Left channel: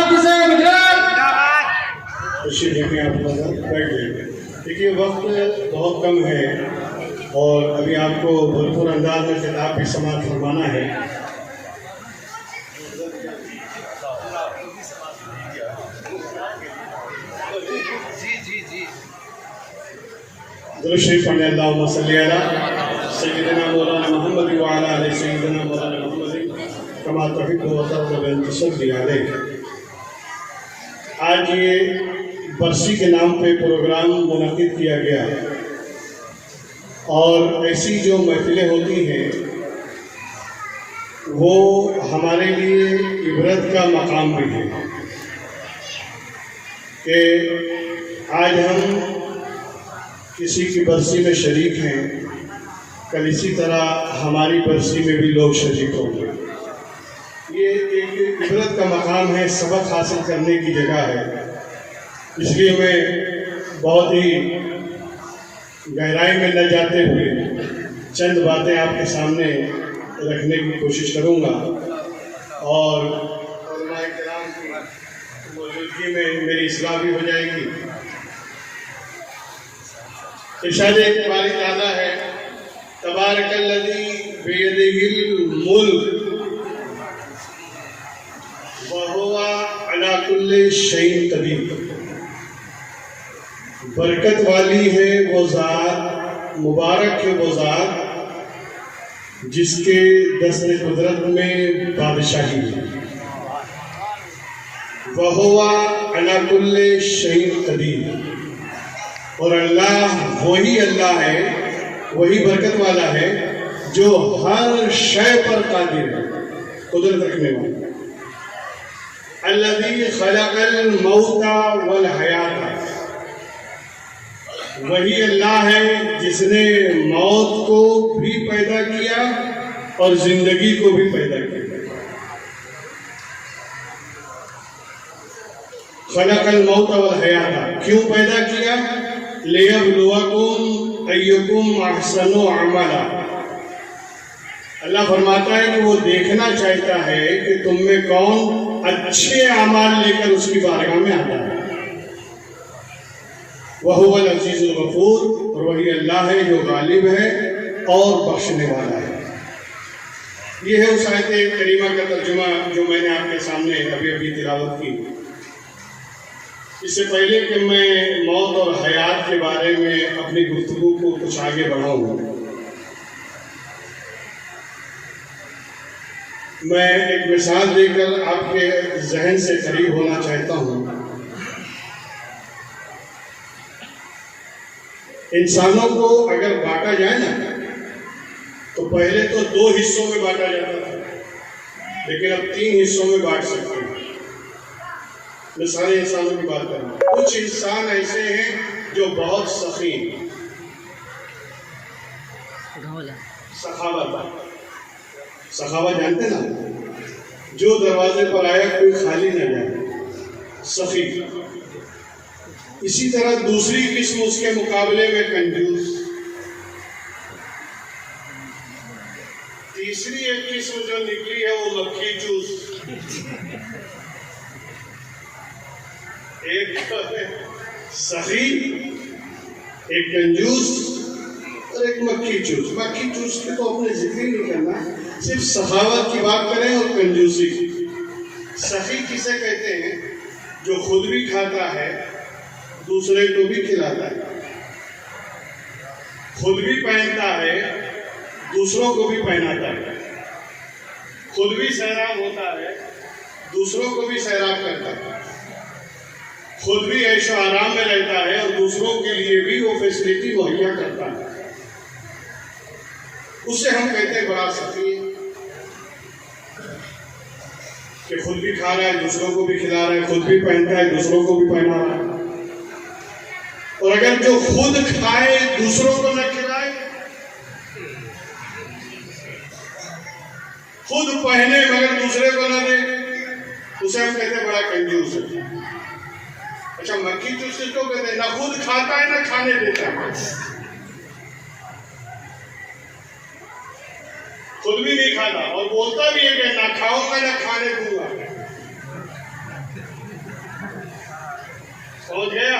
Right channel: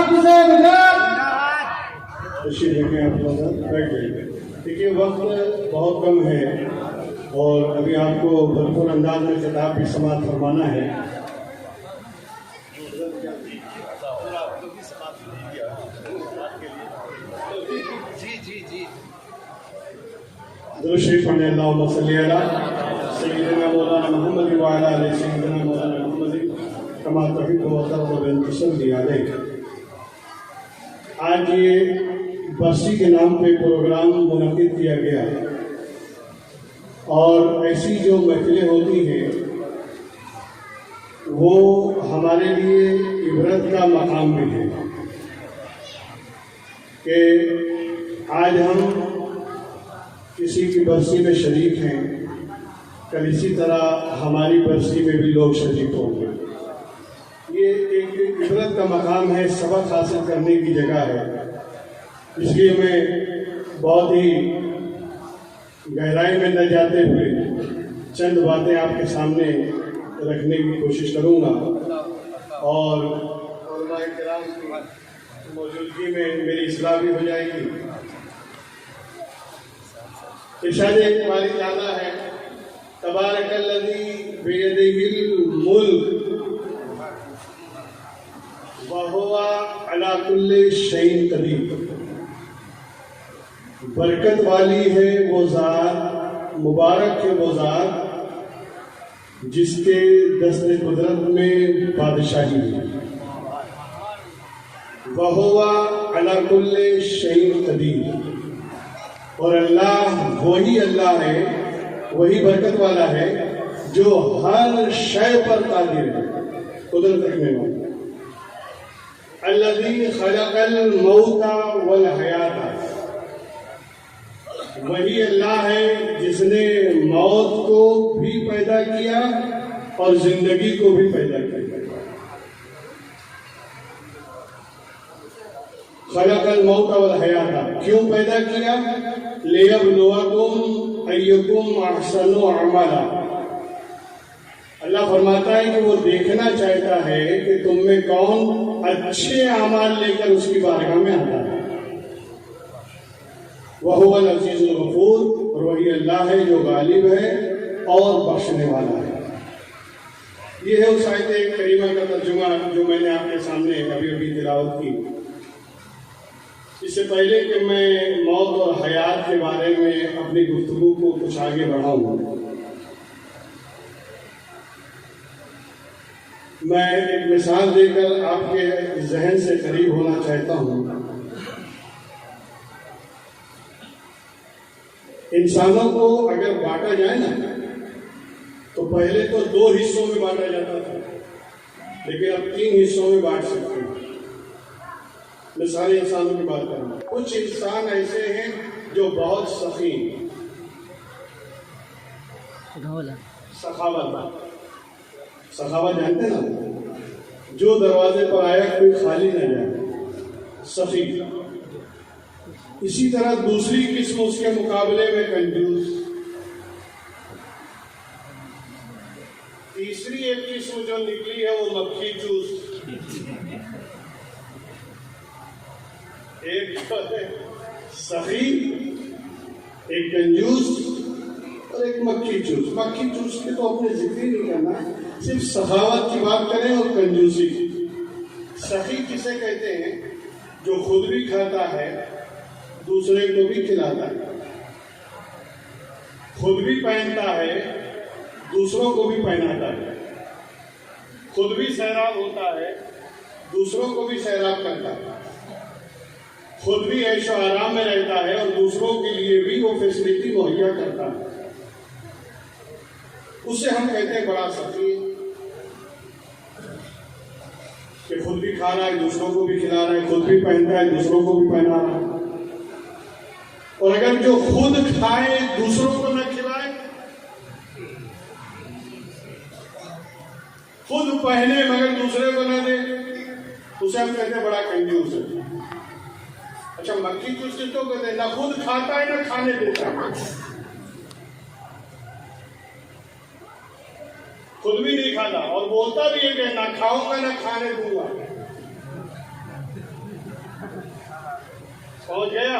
حافظ گجرات. تشریف رکھیں آپ لوگ بیٹھ جائیں. دیکھیے وقت بہت کم ہے اور ابھی آپ کو بھرپور انداز میں خطاب بھی سماعت فرمانا ہے. درود شریف پڑھیں. اللہم صلی علی سیدنا مولانا محمد وعلی آل سیدنا مولانا محمد کما تحب و ترضى بأن تصلی علیہ. آج یہ برسی کے نام پہ پروگرام منعقد کیا گیا اور ایسی جو محفلیں ہوتی ہیں وہ ہمارے لیے عبرت کا مقام بھی ہے کہ آج ہم کسی کی برسی میں شریک ہیں، کل اسی طرح ہماری برسی میں بھی لوگ شریک ہوں گے. یہ ایک عبرت کا مقام ہے، سبق حاصل کرنے کی جگہ ہے. اس لیے میں بہت ہی گہرائی میں نہ جاتے ہوئے چند باتیں آپ کے سامنے رکھنے کی کوشش کروں گا اور علماء کرام کی موجودگی میں میری اصلاح بھی ہو جائے گی. ارشاد اقبال تعالیٰ ہے تبارک الذی بیدہ الملک وہو علی کل شیء قدیر. برکت والی ہے وہ ذات، مبارک ہے وہ ذات جس کے دست قدرت میں بادشاہی ہے. وہو علی کل شیء قدیر. اور اللہ وہی اللہ ہے، وہی برکت والا ہے جو ہر شے پر قادر ہے، قدرت رکھنے والا. الذی خلق الموت والحیات. وہی اللہ ہے جس نے موت کو بھی پیدا کیا اور زندگی کو بھی پیدا کیا. خلق الموت والحیات کیوں پیدا کیا؟ لِيَبْلُوَكُمْ أَيُّكُمْ أَحْسَنُ عَمَلًا. اللہ فرماتا ہے کہ وہ دیکھنا چاہتا ہے کہ تم میں کون اچھے اعمال لے کر اس کی بارگاہ میں آتا ہے. وَهُوَ الْعَزِيزُ الْغَفُورُ. اور وہی اللہ ہے جو غالب ہے اور بخشنے والا ہے. یہ ہے اس آیت کریمہ کا ترجمہ جو میں نے آپ کے سامنے ابھی تلاوت کی. اس سے پہلے کہ میں موت اور حیات کے بارے میں اپنی گفتگو کو کچھ آگے بڑھاؤں، میں ایک مثال دے کر آپ کے ذہن سے قریب ہونا چاہتا ہوں. انسانوں کو اگر بانٹا جائے نا تو پہلے تو 2 حصوں میں بانٹا جاتا تھا، لیکن اب 3 حصوں میں بانٹ سکتے ہیں. میں سارے انسانوں کی بات کروں. کچھ انسان ایسے ہیں جو بہت سخی ہیں. سخاوت جانتے نا، جو دروازے پر آیا کوئی خالی نہ جائے، سخی. اسی طرح دوسری قسم اس کے مقابلے میں کنجوس. تیسری ایک قسم جو نکلی ہے وہ مکھی چوس. ایک سخی، ایک کنجوس اور ایک مکھی چوس. مکھی چوس کے تو اپنے ذکر ہی نہیں کرنا، صرف سخاوت کی بات کریں اور کنجوسی کی. سخی کسے کہتے ہیں؟ جو خود بھی کھاتا ہے، دوسرے کو بھی کھلاتا ہے، خود بھی پہنتا ہے، دوسروں کو بھی پہناتا ہے، خود بھی سیراب ہوتا ہے، دوسروں کو بھی سیراب کرتا ہے، خود بھی عیش و آرام میں رہتا ہے اور دوسروں کے لیے بھی وہ فیسلٹی مہیا کرتا ہے. اسے ہم کہتے ہیں بڑا سخی کہ خود بھی کھا رہا ہے، دوسروں کو بھی کھلا رہا ہے، خود بھی پہنتا ہے، دوسروں کو بھی پہنا رہا ہے. اور اگر جو خود کھائے دوسروں کو نہ کھلائے، خود پہنے مگر دوسرے کو نہ دے، اسے ہم کہتے ہیں بڑا کنجوس ہے. اچھا مکھی چوس کس کو کہتے ہیں؟ نہ خود کھاتا ہے نہ کھانے دیتا ہے، خود بھی نہیں کھاتا اور بولتا بھی ہے کہ نہ کھاؤں گا نہ کھانے دوں گا. پہنچ گیا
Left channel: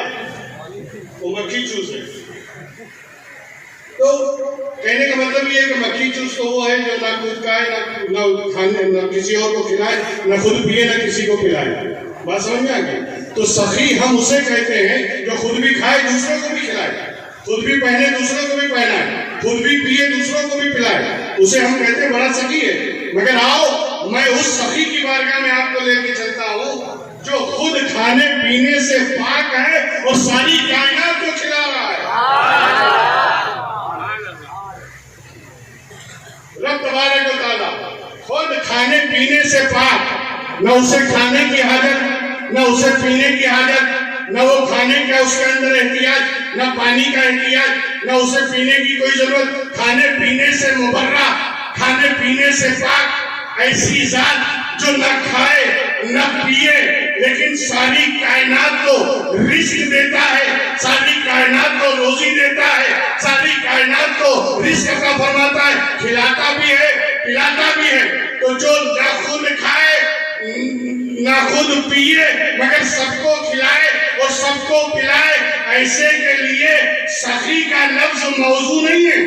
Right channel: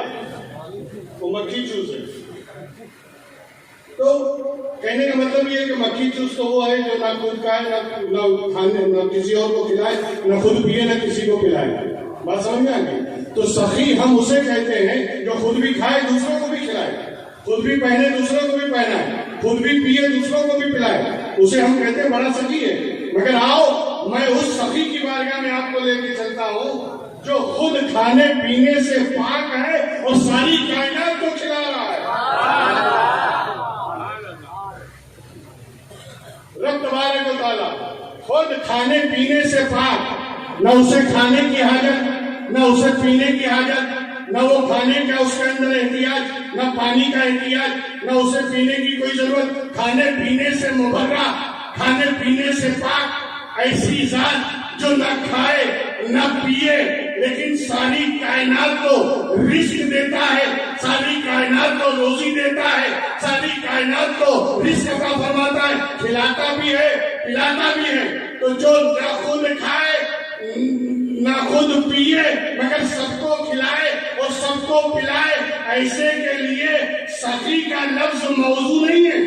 وہ مکھی چوس ہے. تو کہنے کا مطلب یہ ہے کہ مکھی چوس تو وہ ہے جو نہ خود کھائے نہ کھانے نہ کسی اور کو کھلائے, نہ خود پیے نہ کسی کو پلائے. بات سمجھ میں آ گئی؟ تو سخی ہم اسے کہتے ہیں جو خود بھی کھائے دوسروں کو بھی کھلائے, خود بھی پہنے دوسروں کو بھی پہنائے, خود بھی پیے دوسروں کو بھی پلائے, اسے ہم کہتے ہیں بڑا سخی ہے. مگر آؤ میں اس سخی کی بارگاہ میں آپ کو لے کے چلتا ہوں جو خود کھانے پینے سے پاک ہے اور ساری کائنات کو کھلا رہا ہے. رب تبارک و تعالیٰ خود کھانے پینے سے پاک, نہ اسے کھانے کی حاجت نہ اسے پینے کی حاجت, نہ وہ کھانے کا اس کے اندر احتیاج نہ پانی کا احتیاج نہ اسے پینے کی کوئی ضرورت, کھانے پینے سے مبرہ, کھانے پینے سے پاک, ایسی ذات جو نہ کھائے نہ پیے لیکن ساری کائنات کو رزق دیتا ہے, ساری کائنات کو روزی دیتا ہے, ساری کائنات کو رزق عطا فرماتا ہے, کھلاتا بھی ہے پلاتا بھی ہے. تو جو نہ خود کھائے نہ خود پیے مگر سب کو کھلائے اور سب کو پلائے, ایسے کے لیے سخی کا لفظ موضوع نہیں ہے.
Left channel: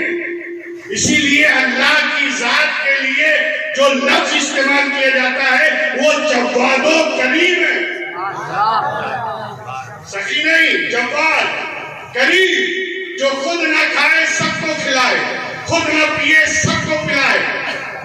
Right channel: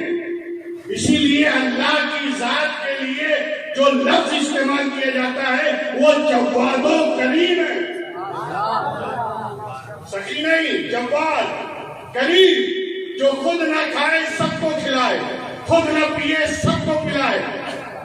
اسی لیے اللہ کی ذات کے لیے جو لفظ استعمال کیا جاتا ہے وہ جواد و کریم ہے. سخی نہیں, جواد کریم, جو خود نہ کھائے سب کو کھلائے, خود نہ پیے سب کو پلائے.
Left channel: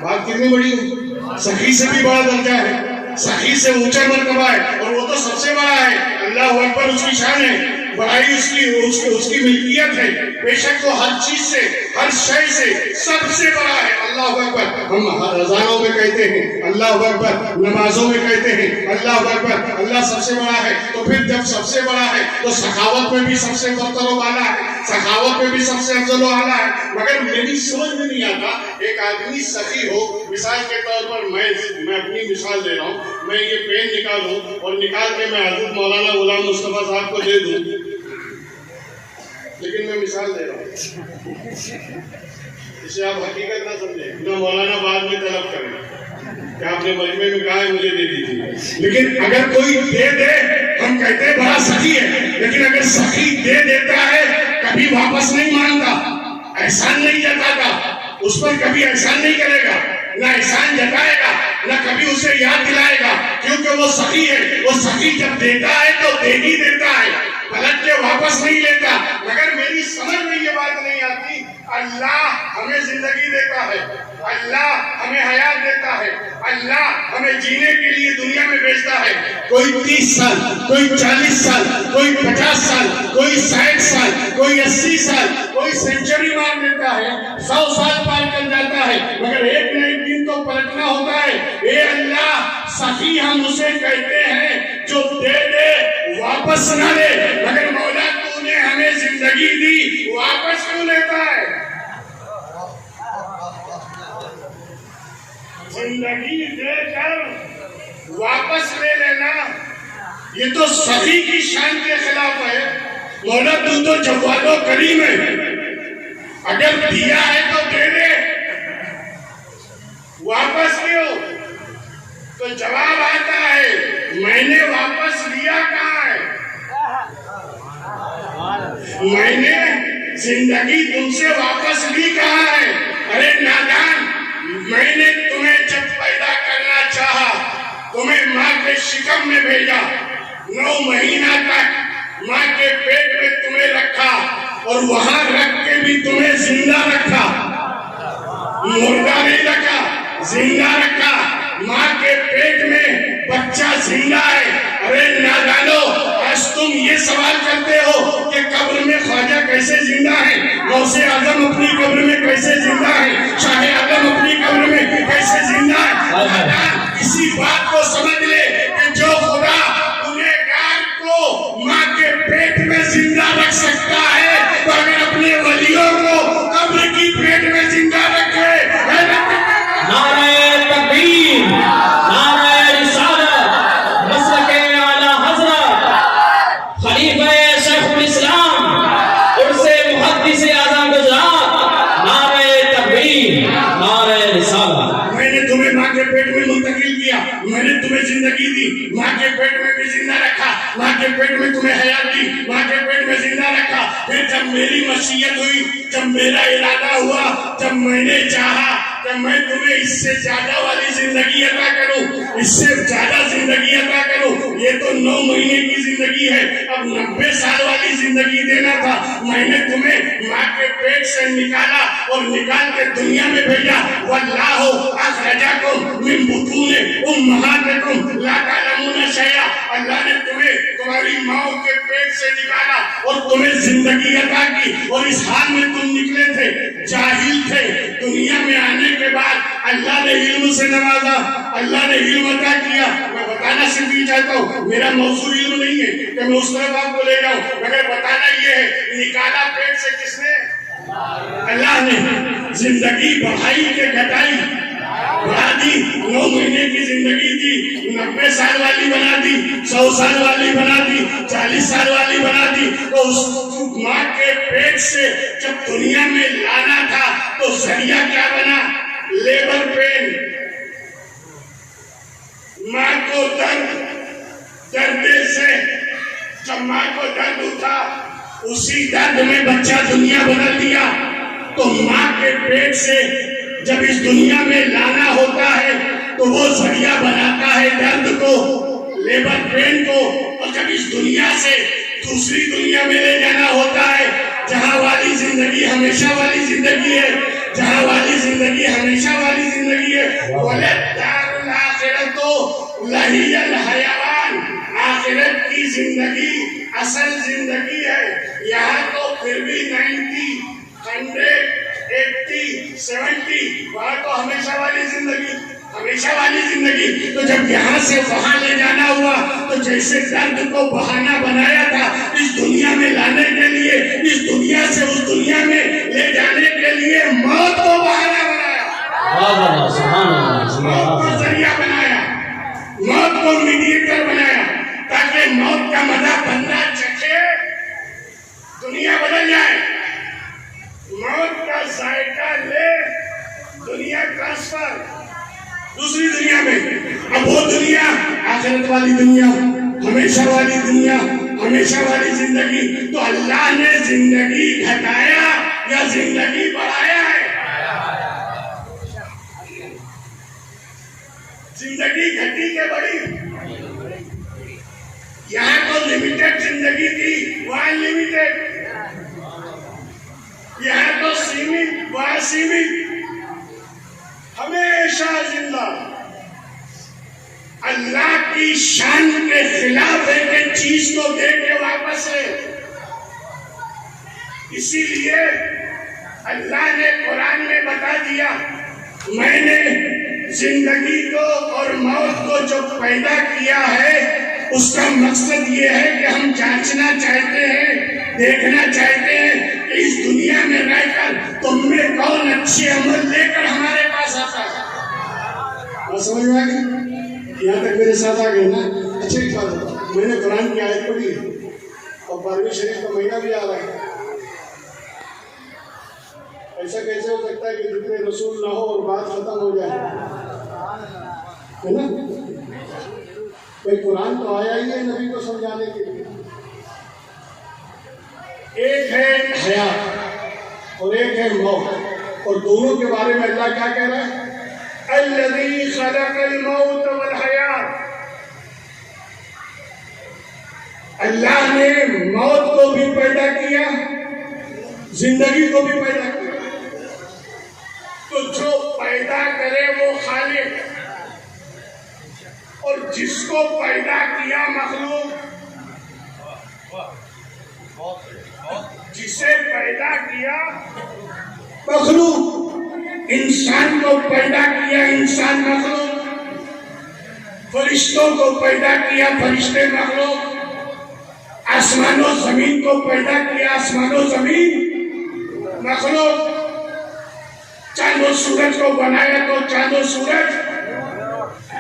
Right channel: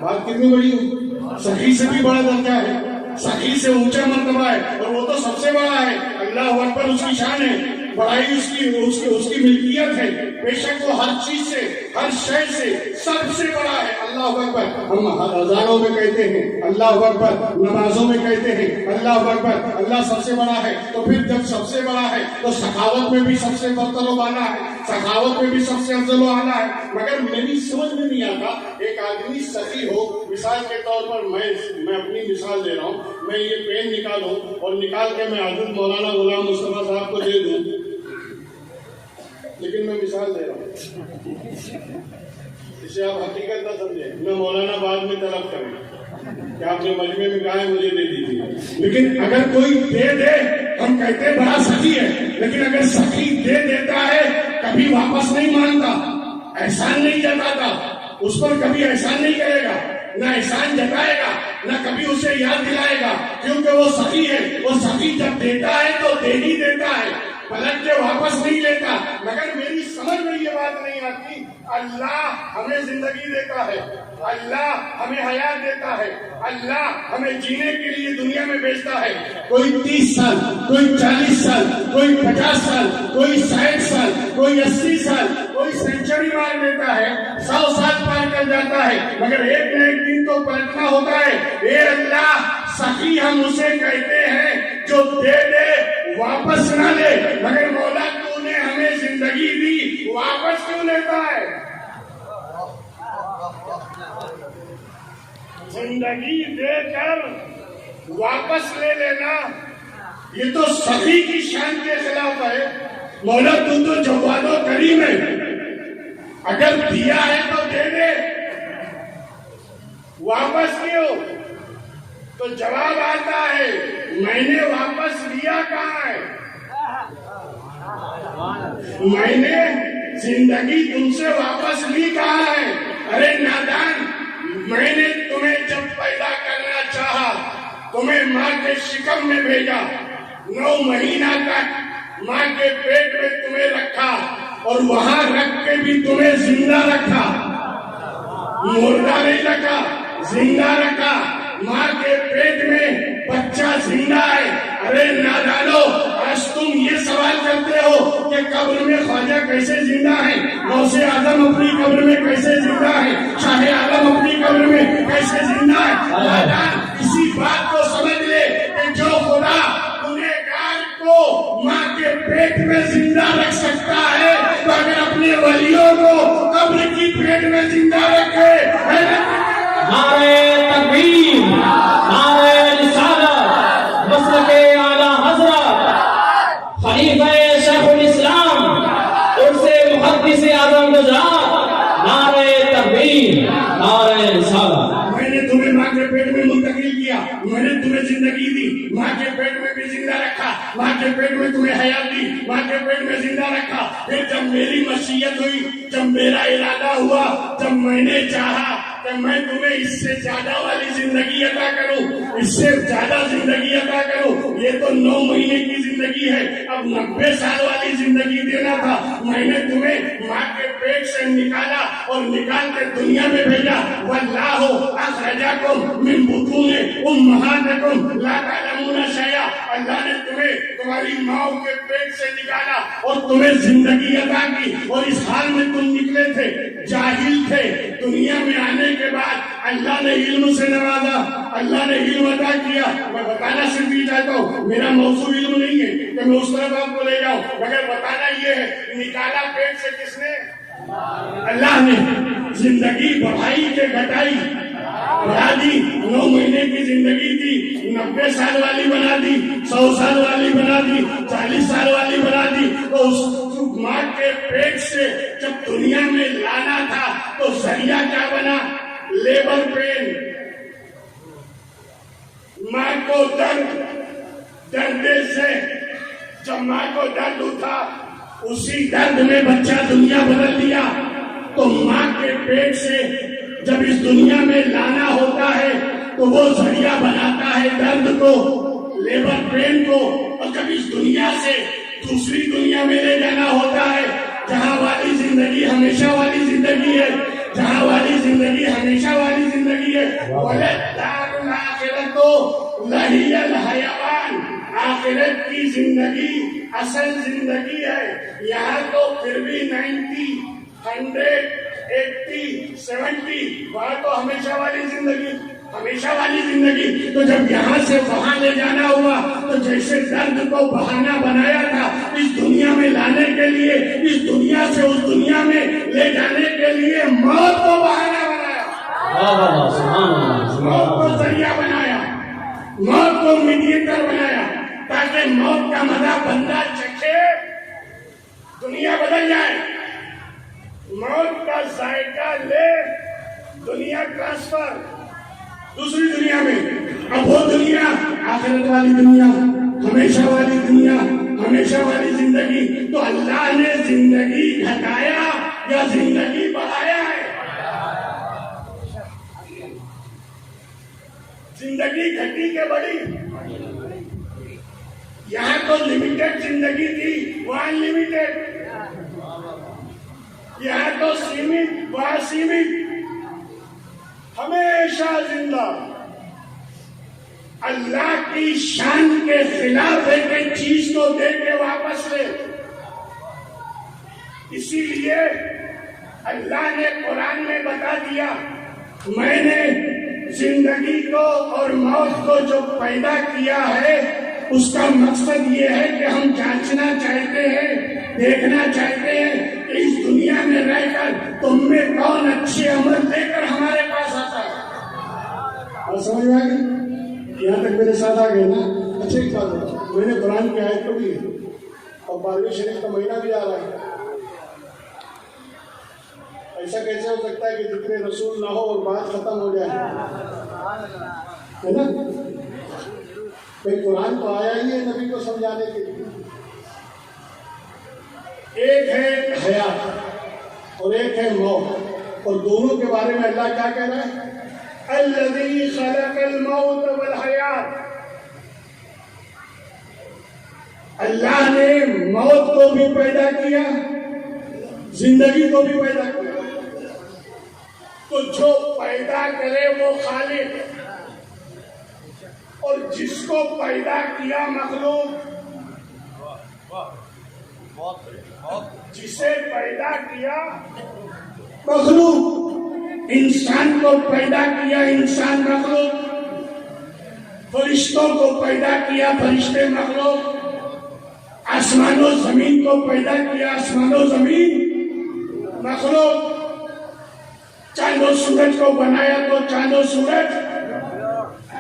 بات کتنی بڑی ہو, سخی سے بھی بڑا درجہ ہے, سخی سے اونچا مرتبہ ہے, اور وہ تو سب سے بڑا ہے. اللہ اکبر اس کی شان ہے, بڑائی اس کی ملکیت ہے. بے شک وہ ہر چیز سے ہر شے سے سب سے بڑا ہے. اللہ اکبر ہم اذانوں میں کہتے ہیں, اللہ اکبر نمازوں میں کہتے ہیں, اللہ اکبر, اللہ سب سے بڑا ہے. تو پھر جب سب سے بڑا ہے تو سخاوت میں بھی سب سے برتر و بالا ہے, سخاوت میں بھی سب سے افضل و اعلیٰ ہے. مگر میری سمجھ میں نہیں آتا ایک آدمی سخی ہو, مثال کے طور پر میں اپنی مثال دے رہا ہوں, میں یہ پین نکالوں اور نکال کے میں حضرت مولانا غلام مصطفیٰ صاحب کو دے دوں, لیکن میں مثال دے رہا ہوں, اسے آپ حقیقت نہ سمجھیں, نہ مولانا بعد میں طلب کریں کہ آپ نے مجمع میں کہا ہے مجھے دے دیجیے. لیکن اگر کوئی دے دے ہم کہتے ہیں بڑا سخی ہے, لیکن اگر سخی دے دیتا ہے کبھی واپس نہیں مانگتا, احسان نہیں جتاتا, اس پر کبھی احسان نہیں کرے گا, نہ احسان جتائے گا, نہ کبھی اسے یاد دلائے گا, کیونکہ وہ سخی ہے. وہ سخی جب دیتا ہے تو دے ہی دیتا ہے, پلٹ کے واپس نہیں لیتا. مگر میری سمجھ میں یہ بات نہیں آتی, اللہ ہمیں زندگی دیتا ہے, اللہ ہمیں حیات دیتا ہے, اللہ ہمیں جینے کے لیے دنیا میں بھیجتا ہے. کوئی 30 سال, کوئی 40 سال, کوئی 50 سال, کوئی 60 سال, کوئی 80 سال, کوئی سینچری مار دیتا ہے, 100 سال پار کر جاتا ہے, مگر ایک نہ ایک دن تو پلٹنا ہوتا ہے. اے اللہ, سخی ہم اسے کہتے ہیں جو دے دے واپس نہ لے. مگر مولا تو نے ہمیں زندگی دی, واپس کیوں لیتا ہے؟ زندگی دے کر واپس لے لینا یہ تو سخی کی شان کے خلاف ہے. مولا تو جواد و کریم ہے, اگر دیا ہے تو دے دے, واپس کیوں؟ تو جواب آتا ہے میں نے واپس لیا کہاں ہے؟ میں نے زندگی تم سے واپس لی کہاں ہے؟ ارے نادان, میں نے تمہیں جب پیدا کرنا چاہا تمہیں ماں کے شکم میں بھیجا, 9 مہینہ تک ماں کے پیٹ میں تمہیں رکھا اور وہاں رکھ کے بھی تمہیں زندہ رکھا, مردہ نہیں رکھا, زندہ رکھا. ماں کے پیٹ میں بچہ زندہ ہے. ارے نادانو, آج تم یہ سوال کرتے ہو کہ قبر میں خواجہ کیسے زندہ ہے, غوث اعظم اپنی قبر میں کیسے زندہ ہے, شاہ عالم اپنی قبر میں کیسے زندہ ہے. نادان, اسی بات کو سمجھ لے کہ جو خدا گنہگار کو ماں کے پیٹ میں زندہ رکھ سکتا ہے تو اگر اپنے ولیوں کو قبر کی پیٹ میں زندہ رکھے. نعرہ تکبیر, نعرہ رسالت, مسلک اعلیٰ حضرت خلیفہ شیخ الاسلام عرس محدث اعظم گجرات, نعرہ تکبیر, نعرہ رسالت. میں نے تمہیں ماں کے پیٹ میں منتقل کیا, میں نے تمہیں زندگی دی, ماں کے پیٹ میں بھی زندہ رکھا، ماں کے پیٹ میں تمہیں حیات دی، ماں کے پیٹ میں زندہ رکھا. پھر جب میری مشیت ہوئی، جب میرا ارادہ ہوا، جب میں نے چاہا کہ میں تمہیں اس سے زیادہ والی زندگی عطا کروں، اس سے زیادہ زندگی عطا کروں. یہ تو 9 مہینے کی زندگی ہے، اب 90 سال والی زندگی دینا تھا. میں نے تمہیں ماں کے پیٹ سے نکالا اور نکال کے دنیا میں بھیجا. واللہ اخرجکم من بطون امہاتکم لا تعلمون شیئا. اللہ نے تمہیں تمہاری ماں کے پیٹ سے نکالا اور تمہیں زندگی عطا کی، اور اس حال میں تم نکلے تھے، جاہل تھے. دنیا میں آنے کے بعد اللہ نے علم سے نوازا، اللہ نے علم عطا کیا. میں بتانا صرف یہ چاہتا ہوں، میرا موضوع علم نہیں ہے کہ میں اس طرف آپ کو لے جاؤں، مگر بتانا یہ ہے نکالا پیٹ سے کس نے؟ اللہ نے. زندگی بڑھائی کے گھٹائی بڑھا دی. 9 مہینے کی زندگی تھی، 90 سال والی بنا دی، 100 سال والی بنا دی، 40 سال والی بنا دی. تو اس ماں کے پیٹ سے جب دنیا میں لانا تھا تو ذریعہ کیا بنا؟ Labour pain. ماں کو درد سے جب ماں کو درد اٹھا، اسی درد میں بچہ دنیا بدل دیا. تو ماں کے پیٹ سے جب اس دنیا میں لانا ہوتا ہے تو وہ ذریعہ بناتا ہے درد کو، لیبر پین کو. اور جب اس دنیا سے دوسری دنیا میں لے جانا ہوتا ہے جہاں والی زندگی ہمیشہ والی زندگی ہے، جہاں والی زندگی ہمیشہ والی زندگی ہے. وَلَلدَّارُ الْآخِرَةُ لَهِيَ الْحَيَوَانُ. آخرت کی زندگی اصل زندگی ہے. یہاں تو پھر بھی 90 100 80 70، وہاں تو ہمیشہ والی زندگی، ہمیشہ والی زندگی. تو جب یہاں سے وہاں لے جانا ہوا تو جیسے درد کو بہانہ بنایا تھا اس دنیا میں لانے کے لیے، اس دنیا سے اس دنیا میں لے جانے کے لیے موت کو بہانہ بنایا، موت کو ذریعہ بنایا، موت کو میڈیٹر بنایا، تاکہ موت کا مزہ بندہ چکھے، دنیا بدل جائے. موت کا ذائقہ لے، دنیا ٹرانسفر دوسری دنیا میں. اب وہ دنیا آخرت والی دنیا، ہمیشہ والی دنیا، ہمیشہ والی زندگی. تو اللہ نے زندگی گھٹایا یا زندگی بڑھایا ہے؟ زندگی گھٹی کے بڑی. یہاں تو لمیٹڈ زندگی تھی، وہاں لمیٹڈ. یہاں تو سیمت، وہاں سیمت. ہمیشہ زندہ. اللہ کی شان کے خلاف ایک چیز کو دے کے واپس لے. اسی لیے اللہ نے قرآن میں بتا دیا، میں نے زندگی کو اور موت کو جو پیدا کیا ہے اس کا مقصد یہ ہے کہ ہم جانچنا چاہتے ہیں، دیکھنا چاہتے ہیں کہ اس دنیا میں رہ کر تم میں کون اچھے عمل لے کر ہمارے پاس آتا ہے. اور سمجھ میں آ گئی؟ یہاں تک میرے ساتھ آ گئے نا. اچھا ایک بات، میں نے قرآن کی آیت پڑھی اور 12ویں شریف کا مہینہ بھی آ رہا ہے. ایسا کیسے ہو سکتا ہے کہ ذکر رسول نہ ہو اور بات ختم ہو جائے؟ ہے نا؟ بھائی قرآن تو آیا ہی ہے نبی کو سمجھانے کے لیے. ایک ہے حیات اور ایک ہے موت، اور دونوں کے بارے میں اللہ کیا کہہ رہا ہے؟ الذی خلق الموت والحیات. اللہ نے موت کو بھی پیدا کیا، زندگی کو بھی پیدا کیا. تو جو پیدا کرے وہ خالق، اور جس کو پیدا کیا مخلوق، جسے پیدا کیا مخلوق. انسان کو پیدا کیا انسان مخلوق، فرشتوں کو پیدا کیا فرشتے مخلوق، آسمان و زمین کو پیدا کیا آسمان و زمین مخلوق. چاند و سورج کو بنایا تو چاند و سورج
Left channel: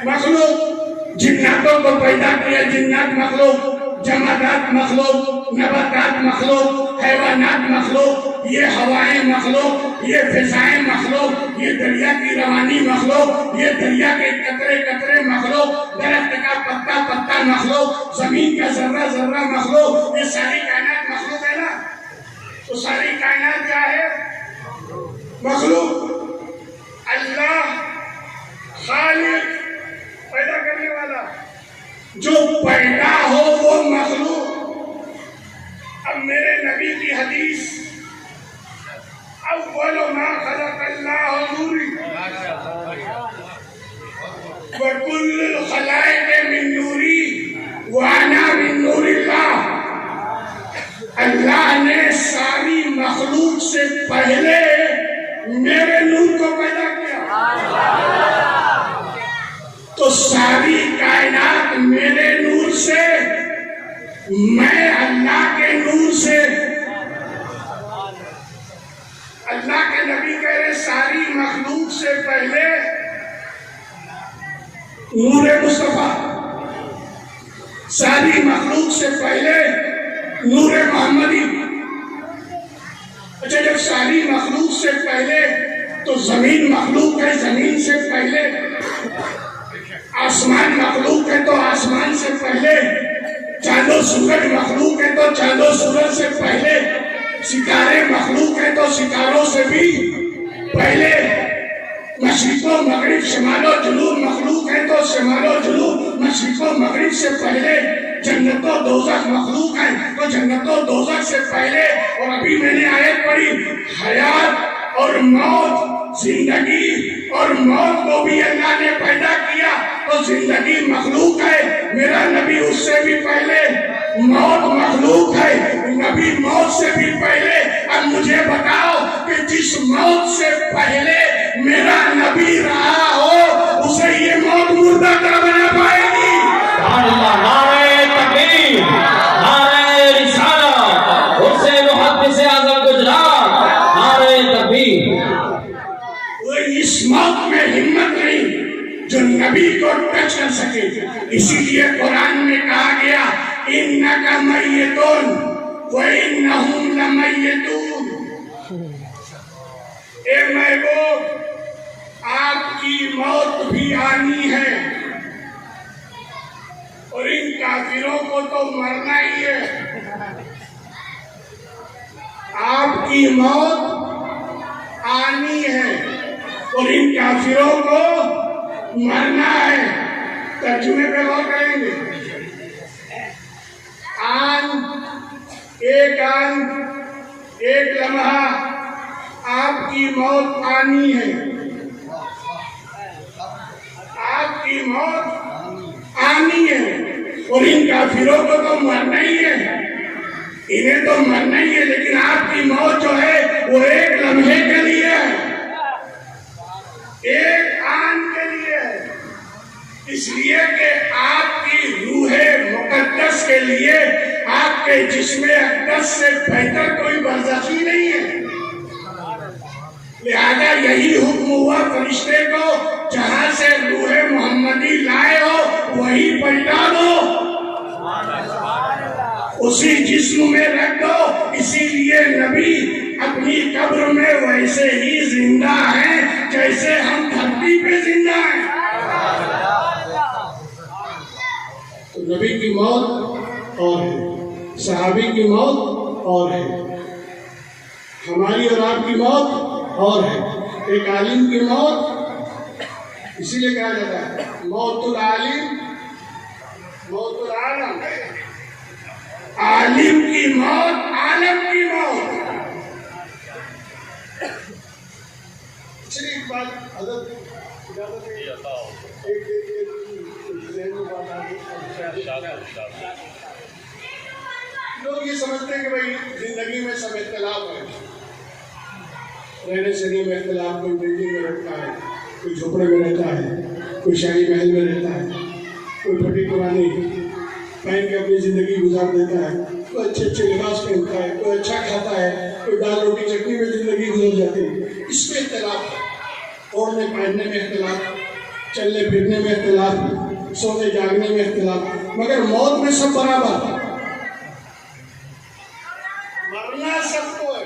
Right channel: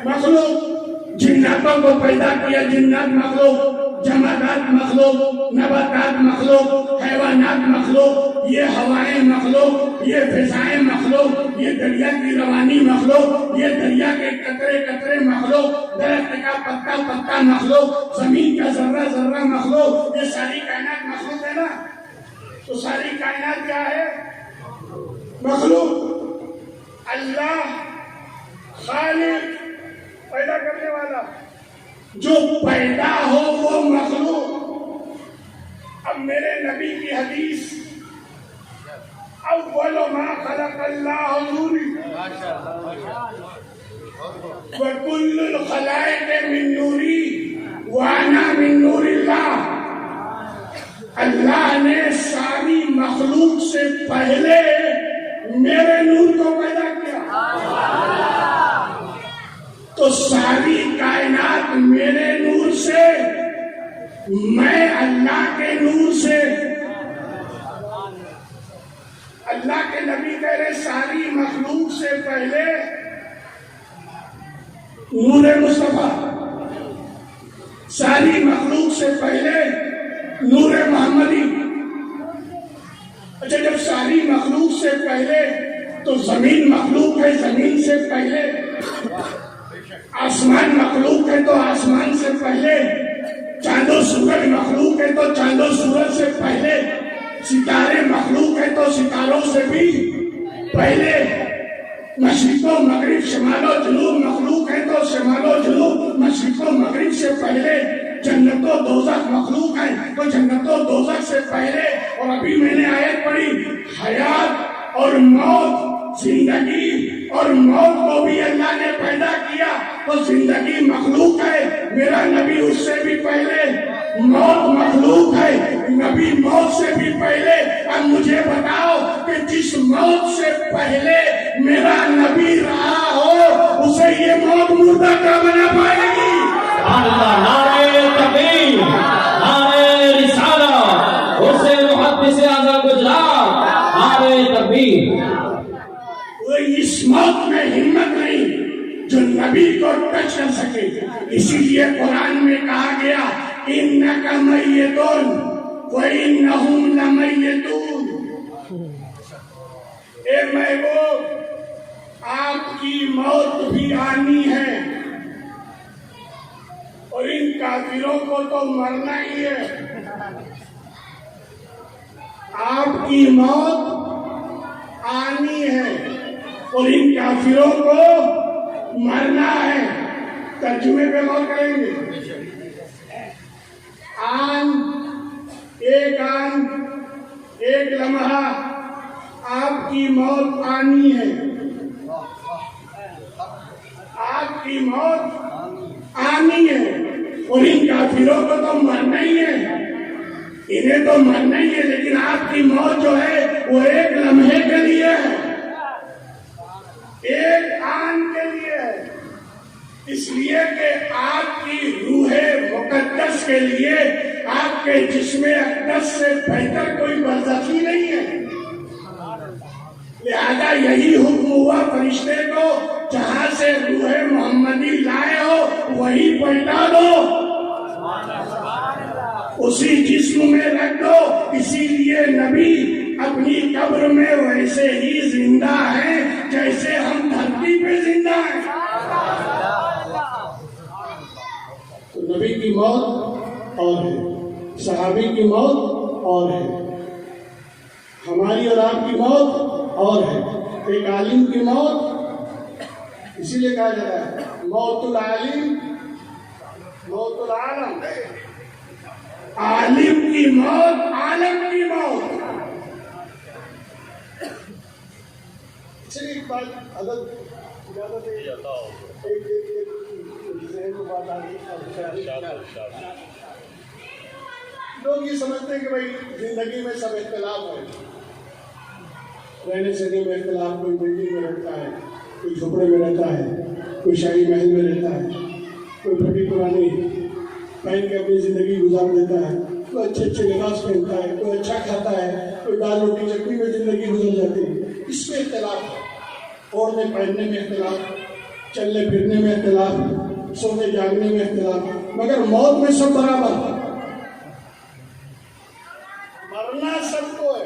مخلوق. جناتوں کو پیدا کیا جنات مخلوق، جمادات مخلوق، نباتات مخلوق، حیوانات مخلوق. یہ ہوائیں مخلوق، یہ فضائیں مخلوق، یہ دریا کی روانی مخلوق، یہ دریا کے قطرے قطرے مخلوق، درخت کا پتا پتا مخلوق، زمین کا ذرہ ذرہ مخلوق، یہ ساری کائنات مخلوق ہے نا؟ تو ساری کائنات کیا ہے؟ مخلوق۔ اللہ خالق، پیدا کرنے والا، جو پیدا ہو وہ مخلوق۔ اب میرے نبی کی حدیث، اول ما خلق اللہ نوری وکل الخلائق من نوری وانا من نور اللہ۔ اللہ نے ساری مخلوق سے پہلے میرے نور کو پیدا کیا، تو ساری کائنات میرے نور سے، میں اللہ کے نور سے۔ اللہ کے نبی کہہ رہے ساری مخلوق سے پہلے نور مصطفیٰ، ساری مخلوق سے پہلے نور محمدی۔ اچھا، جب ساری مخلوق سے پہلے تو زمین مخلوق ہے، زمین سے پہلے آسمان مخلوق ہے، تو آسمان سے پہلے چاند و سورج مخلوق ہے، تو چاند و سورج سے پہلے ستارے مخلوق ہے، تو ستاروں سے بھی پہلے مشرق و مغرب شمال و جنوب مخلوق ہے، تو شمال و جنوب مشرق و مغرب سے پہلے جنت و دوزخ مخلوق ہے، تو جنت و دوزخ سے پہلے۔ اور ابھی میں نے آیت پڑھی، حیات اور موت، زندگی اور موت کو بھی اللہ نے پیدا کیا، تو زندگی مخلوق ہے، میرا نبی اس سے بھی پہلے، موت مخلوق ہے، نبی موت سے بھی پہلے۔ اب مجھے بتاؤ کہ جس موت سے پہلے میرا نبی رہا ہو، اسے یہ موت مردہ کر بنا پائے گی؟ نعرہ تکبیر، نعرہ رسالت، حسین محدث اعظم گجرات، نعرہ تکبیر۔ اس موت میں ہمت نہیں جو نبی کو ٹچ کر سکے، اسی لیے قرآن میں کہا گیا اِنَّكَ مَيِّتٌ وَإِنَّهُمْ لَمَيِّتُونَ۔ اے محبوب، آپ کی موت بھی آنی ہے، اور ان کافروں کو تو مرنا ہی ہے۔ آپ کی موت آنی ہے اور ان کافروں کو مرنا ہے۔ ترجمے پہ غور کریں گے۔ آن، ایک لمحہ آپ کی موت آنی ہے، آپ کی موت آنی ہے، اور ان کافروں کو تو مرنا ہی ہے، انہیں تو مرنا ہی ہے، لیکن آپ کی موت جو ہے وہ ایک لمحے کے لیے ہے، ایک آن کے لیے ہے، اس لیے کہ آپ کی روح مقدس کے لیے آپ کے جسم اقدس سے بہتر کوئی برزخی نہیں ہے۔ لہذا یہی حکم ہوا فرشتے کو، جہاں سے روح محمدی لائے ہو وہی پلٹا دو، اسی جسم میں رکھ دو۔ اسی لیے نبی اپنی قبر میں ویسے ہی زندہ ہیں جیسے ہم دھرتی پہ زندہ ہیں۔ تو نبی کی موت اور ہے، صحابی کی موت اور ہے، ہماری اور آپ کی موت اور ہے۔ ایک عالم کی موت، اسی لیے کہا جاتا ہے موت العالم موت العالم، عالم کی موت عالم کی موت۔ صرف بات حضرت اجازت ہے، لوگ یہ سمجھتے ہیں کہ بھائی زندگی میں سب اختلاف ہے، رہنے سہنے میں اختلاف، کوئی بلڈنگ میں رہتا ہے، کوئی جھوپڑے میں رہتا ہے، کوئی شاہی محل میں رہتا ہے، کوئی پھٹی پرانی پہن کے اپنی زندگی گزار دیتا ہے، کوئی اچھے اچھے لباس پہنتا ہے، کوئی اچھا کھاتا ہے، کوئی دال روٹی چٹنی میں زندگی گزر جاتی ہے۔ اس میں اختلاف ہے، اوڑھنے پہننے میں اختلاف، چلنے پھرنے میں اختلاف، سونے جاگنے میں اختلاف، مگر موت میں سب برابر ہے، مرنا سب کو ہے،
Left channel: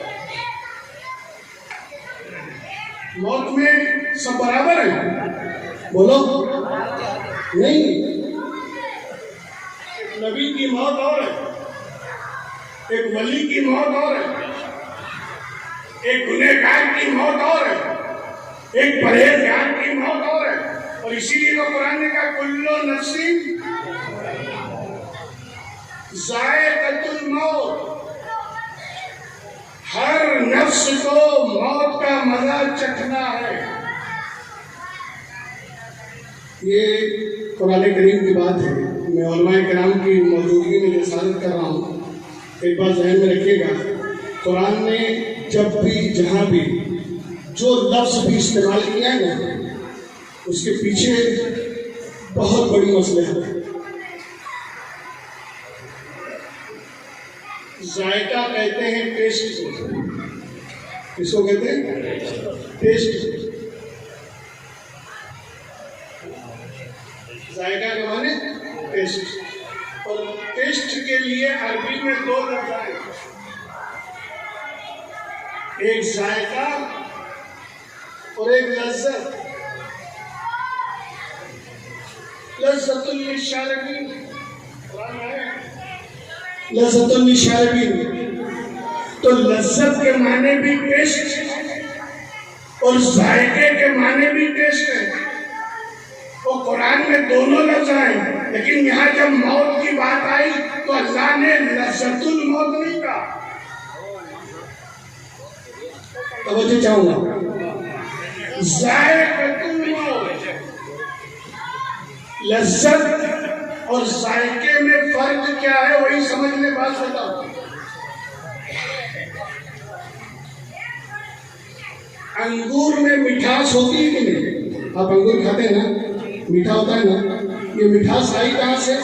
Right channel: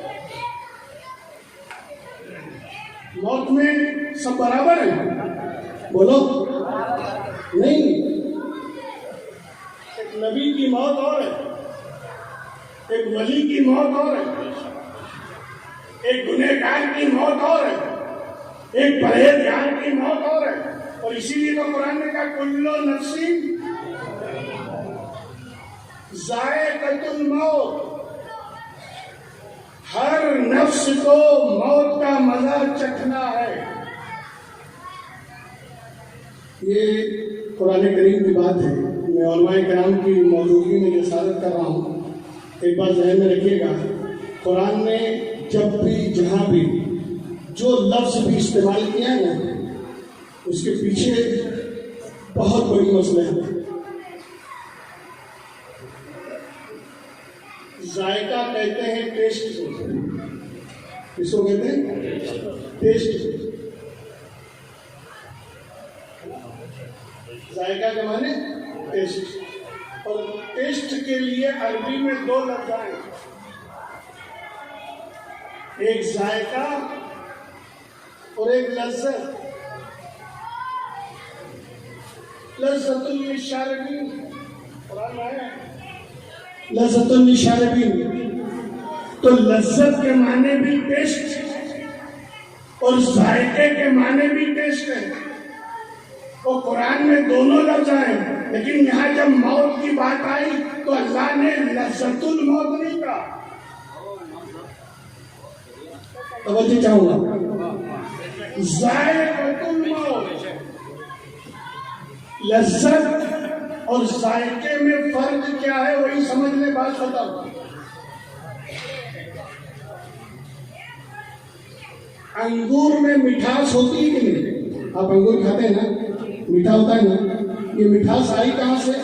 بولو نہیں. ایک نبی کی موت اور ہے، ایک ولی کی موت اور ہے، ایک گنہگار کی موت اور ہے، ایک پرہیزگار کی موت اور ہے. اور اسی لیے تو قرآن نے کہا کلو نفس ذائقۃ الموت، ہر نفس کو موت کا مزہ چکھنا ہے. یہ قرآن کریم کی بات ہے. میں علماء کرام کی موجودگی میں رسالت کر رہا ہوں. ایک بات ذہن میں رکھیے گا، قرآن نے جب بھی جہاں بھی جو لفظ بھی استعمال کیا ہے نا، اس کے پیچھے بہت بڑی مصلحت ہے. ذائقہ کہتے ہیں ٹیسٹ کو. کس کو کہتے ہیں؟ ٹیسٹ. ذائقہ کا معنی ٹیسٹ. اور ٹیسٹ کے لیے عربی میں دو لفظ ہیں، ایک ذائقہ اور ایک لذت. لذت للشاربین، قرآن میں ہے لذت للشاربین. تو لذت کے معنی بھی ٹیسٹ اور ذائقے کے معنی بھی ٹیسٹ ہے. وہ قرآن میں دونوں لفظ ہیں، لیکن یہاں جب موت کی بات آئی تو اللہ نے لذت الموت نہیں کہا. توجہ چاہوں گا، ذائقۃ الموت. لذت اور ذائقے میں فرق کیا ہے وہی سمجھ لیں. بات بتاؤ، انگور میں مٹھاس ہوتی ہے کہ نہیں؟ آپ انگور کھاتے ہیں نا، میٹھا ہوتا ہے نا. یہ مٹھاس آئی کہاں سے؟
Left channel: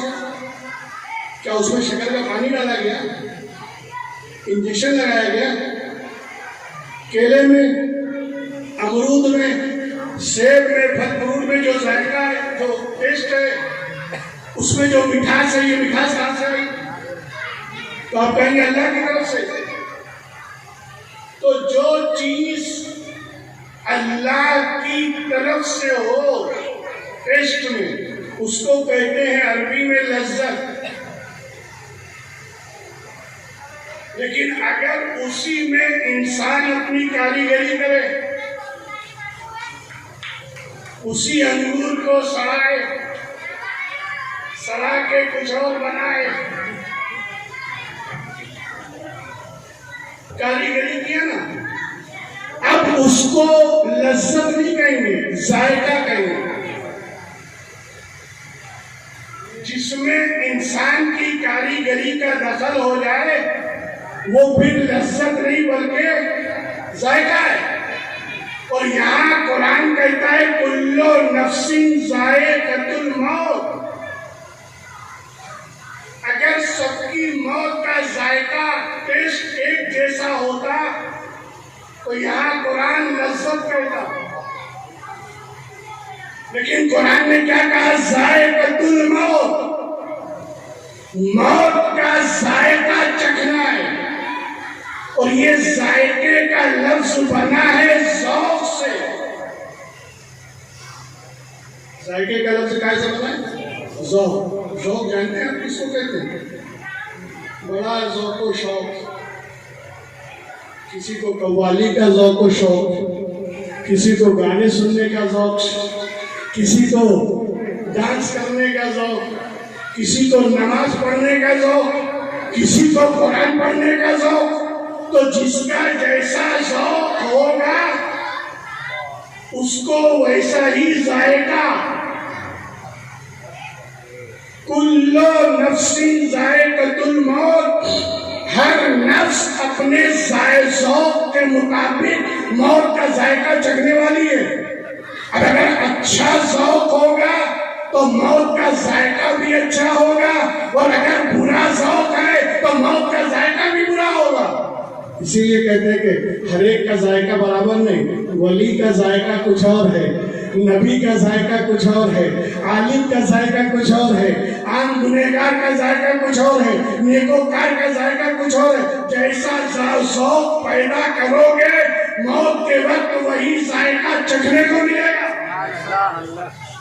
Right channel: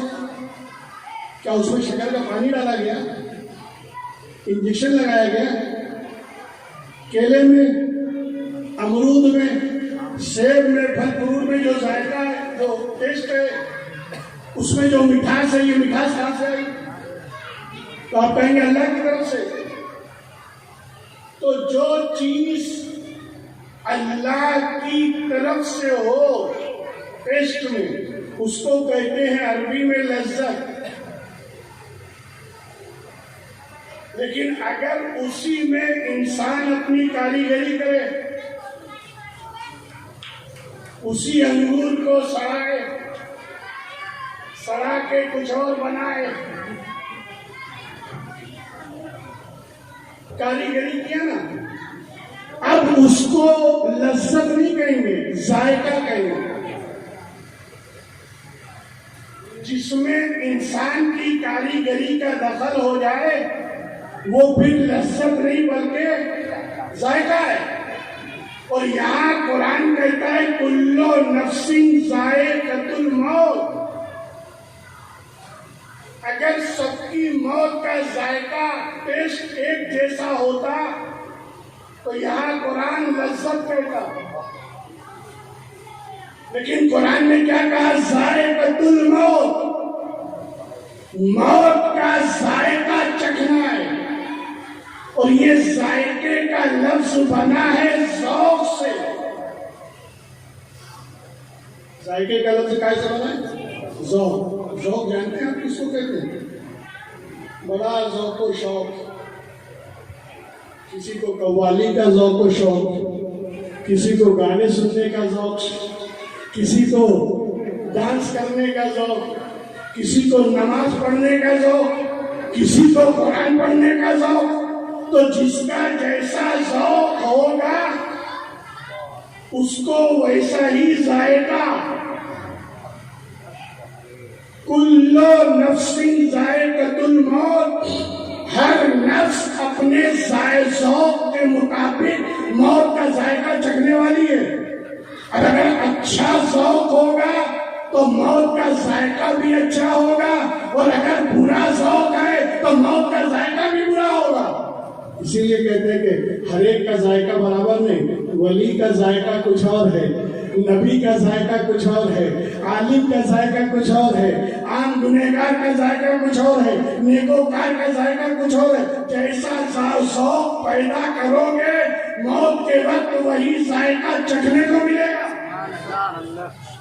کیا اس میں شکر کا پانی ڈالا گیا، انجیکشن لگایا گیا؟ کیلے میں، امرود میں، سیب میں، پھل فروٹ میں جو ذائقہ ہے، جو ٹیسٹ ہے، اس میں جو مٹھاس ہے، یہ مٹھاس کہاں سے آئی؟ تو آپ کہیں گے اللہ کی طرف سے. تو جو چیز اللہ کی طرف سے ہو ٹیسٹ میں، اس کو کہتے ہیں عربی میں لذت. لیکن اگر اسی میں انسان اپنی کاریگری کرے، اسی انگور کو سڑا کے کچھ اور بنائے، کاریگری کیا نا، اب اس کو لذت نہیں کہیں گے، ذائقہ کہیں گے. جس میں انسان کی کاریگری کا دخل ہو جائے وہ پھر لذت نہیں بلکہ ذائقہ ہے. اور یہاں قرآن کہتا ہے کلو نفس ذائقۃ الموت. اگر سب کی موت کا ذائقہ ٹیسٹ ایک جیسا ہوتا تو یہاں قرآن لذت کہتا. لیکن قرآن نے کیا کہا؟ ذائقۃ الموت. موت کا ذائقہ چکھنا ہے. اور یہ ذائقے کا لفظ بنا ہے ذوق سے. ذائقے کا لفظ کیسے بنا ہے؟ ذوق. ذوق جانتے ہیں آپ کس کو کہتے ہیں؟ بڑا ذوق و شوق. کسی کو قوالی کا ذوق و شوق، کسی کو گانے سننے کا ذوق، کسی کو ڈانس کرنے کا ذوق، کسی کو نماز پڑھنے کا ذوق، کسی کو قرآن پڑھنے کا ذوق. تو جس کا جیسا ذوق ہوگا اس کو ویسا ہی ذائقہ. کلو نفس ذائقۃ الموت. ہر نفس اپنے ذوق کے مطابق موت کا ذائقہ چکھنے والی ہے. اب اگر اچھا ذوق ہوگا تو موت کا ذائقہ بھی اچھا ہوگا، اور اگر برا ذوق ہے تو موت کا ذائقہ بھی برا ہوگا. اسی لیے کہتے ہیں کہ ہر ایک کا ذائقہ برابر نہیں. ولی کا ذائقہ کچھ اور ہے، نبی کا ذائقہ کچھ اور ہے، عالم کا ذائقہ کچھ اور ہے، عام گنہگار کا ذائقہ کچھ اور ہے، نیکوکار کا ذائقہ کچھ اور ہے. جیسا ذوق پیدا کرو گے موت کے وقت وہی ذائقہ چکھنے کو ملے گا.